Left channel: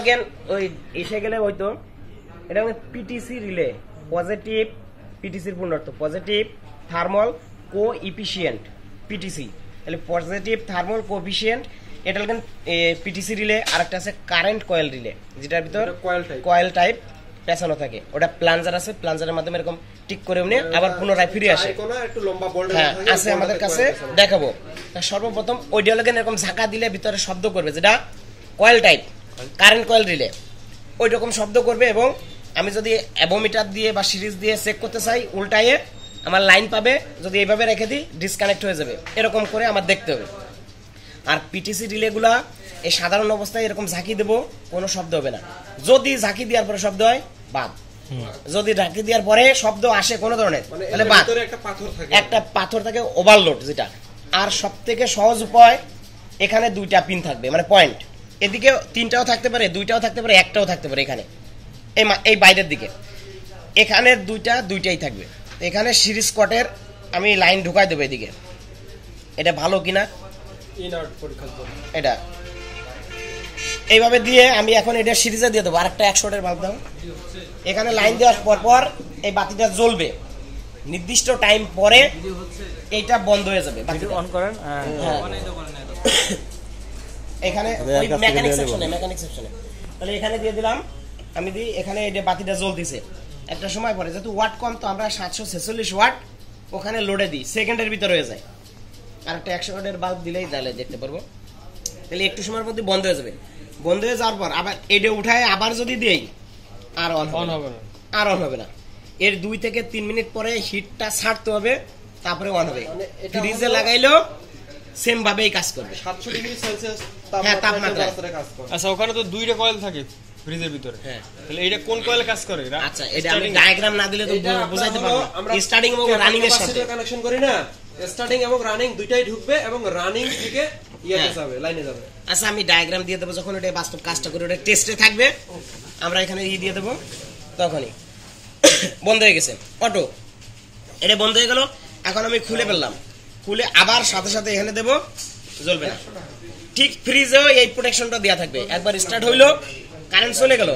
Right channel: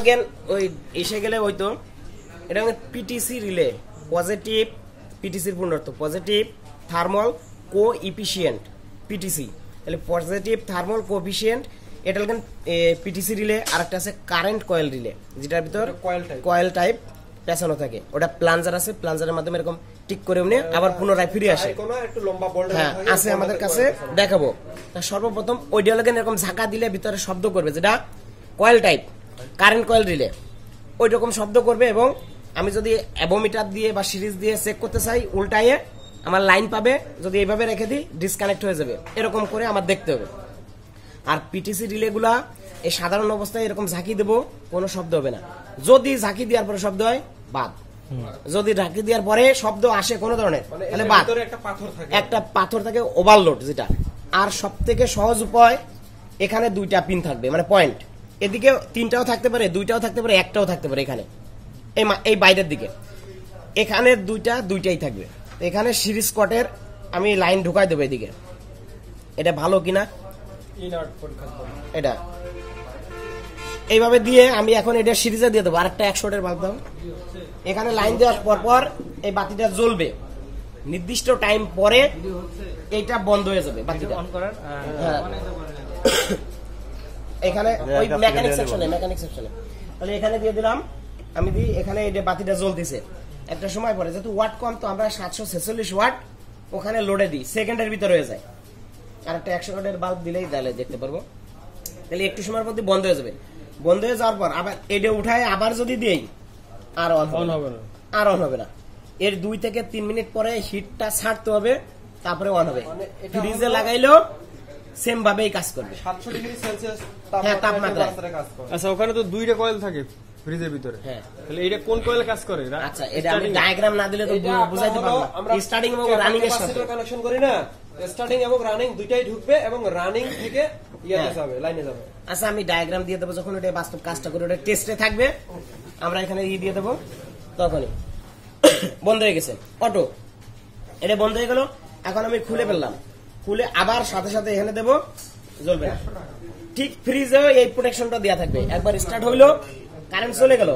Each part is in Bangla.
again ওই এসে গেলে হয়তো এটা পিটিসি রিলে পজিটিভ পিটিসির পূর্ণার্থ পজিটিভ থার্মাল কোএফিশিয়েন্ট পিটিসি তাহলে পজিটিভ থার্মাল কোএফিশিয়েন্ট এটা লাগেন পিটিসি রিলে আরেকটা আছে কারেন্ট কয়েল রিলে যেটার ভিতর কয়েল টাইপ পেছানো থাকে ওটা প্লাঞ্জার আছে প্লাঞ্জারের মাধ্যমে এরকম টিক করে উনি আবার পুনরায় ফিরে আসে একটু লম্বা বোল্ট আছে আমাদের কাছে দেখাবো সর্বপ্রথম ওইটা লাগেন এরকম ঝাঁকা দিলে ভিতরে শব্দ করবে যেটা coil type current coil relay ওই রকম শব্দ করবে এবং আমি যদি অ্যাবোমিটার দিয়ে বা সিরিজ দিয়ে চেক করতে চাই উল্টায়ে আমার লাইন পাবে যদি এইভাবে রেখে দিই ডিসকানেক্ট হয়ে যাবে এরকম করে আমার দেখতে হবে আর পিটিসি রিলেগুলা এই সাধারণ অবস্থায় এরকম ঝাঁকি দেব কোনো শব্দ হবে না যদি ঝাঁকি দেওয়ার পরে শব্দ হয় বাদ যদি ঝাঁকি দেওয়ার পরে শব্দ আসে কোনো ধরনের তাহলে বাদ একটা পাথর থাকে ওভারলোড যেটা আর সবথেকে সহজ উপায় এখানে দুইটা পিন থাকবে মানে পয়েন্ট এদিকে তিনটাও থাকতে পারে দুইটাও থাকতে পারে একটাও থাকতে পারে এখানে এই বাইরের দিকে এখানে দুইটাই থাকবে এখানে সিরিজ কটের আমি লাইন ঢুকাই দেবো এদিকে এটা ভালো কিনা এটা এইভাবে দিয়ে আমি এখন এটা সিরিজে দিয়ে দেবো আরেকটা 100 ওয়াটের বাল্ব দাও এখানে লাইন দেওয়ার পর এই বাতিটা জ্বলবে নির্দিষ্ট টাইম পরে এইটা বন্ধ হয়ে যাবে বাতিটা অন করেন এখানে ওই মেকানিক সেকশনে তাহলে এখানে দিয়ে দিলাম আমি দিই এখানে এই যে বাতিটা জ্বলতেছে একটা সময় পরে যেহেতু ওয়াট কম তো আমরা 746 ওয়াট ওখানে লোডে দিই সেকেন্ডের ভিতরে হয়ে যায় আর একটা 100 ওয়াটের বাল্ব দিলেই তাহলে দেখতে পারবো তাহলে একটু সময়ের মধ্যে বন্ধ হয়ে যাবে বন্ধ হয়ে যাওয়ার পর আবার এটা উঠায় আবার যদি দেই আর অন হবে না এর 2 থেকে 3 মিনিট পরে হিটটা ছাড়তে হবে তারপরে অন হবে ফ্রিজে লাগাইলেও সেম ভাবেই কাজ করবে 700 ডিগ্রি সেলসিয়াস তাপমাত্রা কাজ করে আচ্ছা ওখানে তো দুইটা কয়েল থাকে ফ্রিজের ভিতরে হ্যাঁ তাহলে এটা কোন কয়েলে কাজ করে আচ্ছা এটা আমি ডায়াগ্রাম না দিলে তো বুঝাইতে পারবো না স্টার্টিং এবং রানিং এর সাথে কানেকশন করি না স্টার্টিং এবং রানিং দুইটাই ঢুকবে এবং রানিং থেকে ইয়াতে যাবে লাইনে যাবে আচ্ছা আমি ডায়াগ্রাম দিয়ে দেব যখন এটা বাস্তব কাজটা করে ওটা টেস্টে থাকবে আমরা এখানে দিয়ে দেব তখনই বন্ধ হয়ে গেছে অটো এটা বন্ধ হয়ে গেল এখন আমি খুলে ফেললাম খুলে আবার সাথে সাথে এখানে দেব জ্বলবে না ঠিক ফ্রিজেও এই প্রোটেকশনটা দেয়া থাকবে একবার স্টার্ট হইলো কারেন্ট চলে গেল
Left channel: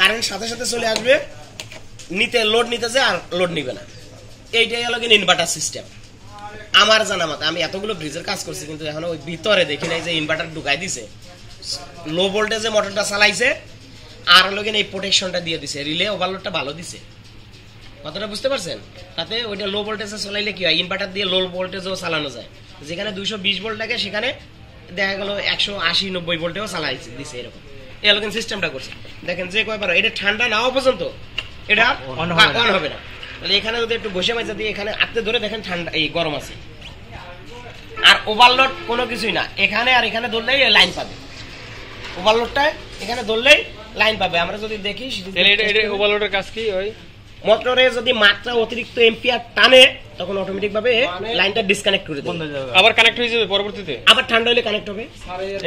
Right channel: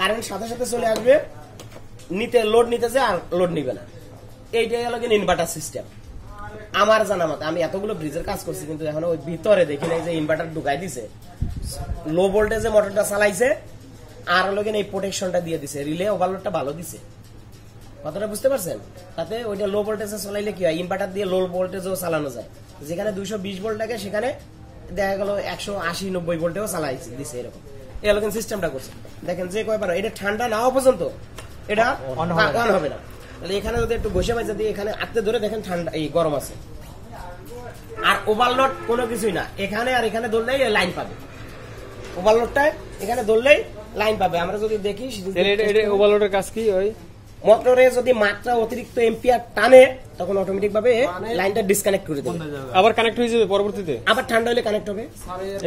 কারেন্ট সাথে সাথে চলে আসবে লোড নিতে যায় আর লোড নিবে না এইটাই হলো কি ইনভার্টার সিস্টেম আমার জানা মতে আমি এতগুলো ব্রিজের কাজ করছি কিন্তু এখনো ওই ভিতরে দেখি নাই যে ইনভার্টার ঢুকাই দিছে লো ভোল্টেজে মোটরটা চালাইছে আর হলো কি এই প্রোটেকশনটা দিয়ে দিছে রিলে ওভারলোডটা ভালো দিছে কথাটা বুঝতে পারছেন তাতে ওইটা লো ভোল্টেজে চালাইলে কি হয় ইনভার্টার দিয়ে লো ভোল্টেজেও চালানো যায় যেখানে 220 ভোল্ট থাকে সেখানে দেখা গেল 180-90 ভোল্টেও চালাই দিছে এরকম এই হলো সিস্টেমটা করছে দেখেন যে কয়বার এটা ঠান্ডা না হওয়া পর্যন্ত এটা অন হবে না তাহলে এখানে যদি একটু বসে মাঝে দিয়ে এখানে আটতে ধরে দেখেন ঠান্ডা এই গরম আছে আর ওভারলোড কোনো কিছুই না এখানে আর এখানে ধরলেই লাইন পাবে ওভারলোডটা এখানে ধরলেই লাইন পাবে আমরা যদি দেখি এটা ওভারলোডের কাজ কি ওই মোটরে যদি মাত্রা অতিরিক্ত এম্পিয়ার টানে তখন অটোমেটিক ভাবে লাইনটা ডিসকানেক্ট করে দেবে আবার কানেক্ট হয়ে যাবে পরবর্তীতে আবার ঠান্ডা হলে কানেক্ট হবে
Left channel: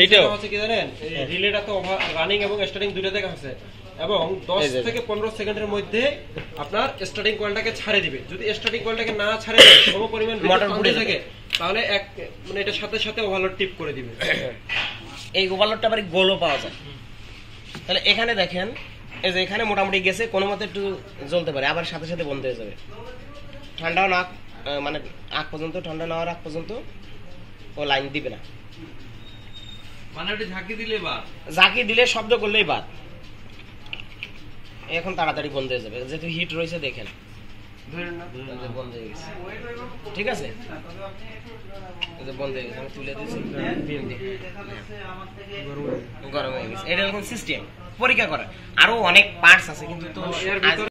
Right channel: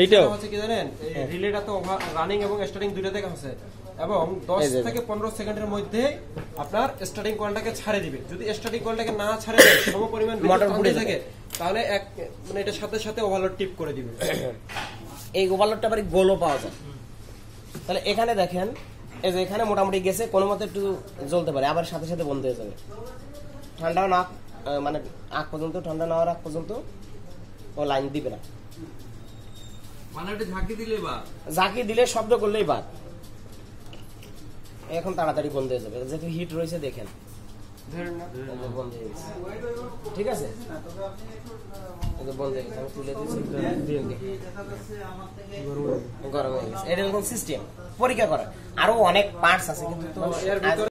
এইটাও হচ্ছে কি জানেন রিলেটা তো রানিং এবং স্টার্টিং দুটো থেকে আছে এবং 10 থেকে 15 সেকেন্ডের মধ্যে আপনার স্টার্টিং কয়েলটাকে ছাড়ে দিবে যদি স্টার্টিং কয়েলটাকে না ছাড়ে দেয় সমপরিমাণ মোটর পুড়ে থাকে তাহলে এক মানে এটার সাথে সাথে ওভারলোড টিপ করে দিবে এই ওভারলোডটা আবার গোলও পাওয়া যায় তাহলে এখানে দেখেন এই যে এখানে মোটামুটি গেছে কোনো মতে একটু জ্বলতে পারে আবার সাথে সাথে বন্ধ হয়ে যাবে ঠান্ডাও না মানে আগ পর্যন্ত ঠান্ডা না হওয়ার আগ পর্যন্ত ও লাইন দিবে না মানে এটা ঝাঁকি দিলে শব্দ করলেই বাদ এখন তাড়াতাড়ি বন্ধ হয়ে যাবে যেহেতু হিট রয়েছে দেখেন বন্ধ হয়ে গেছে ঠিক আছে বন্ধ হয়ে গেছে আমি তুলে দিয়েছি গরম হয়ে গেছে এটা এরকম সিস্টেম পরীক্ষা করা আরো অনেক পার্টস আছে কিন্তু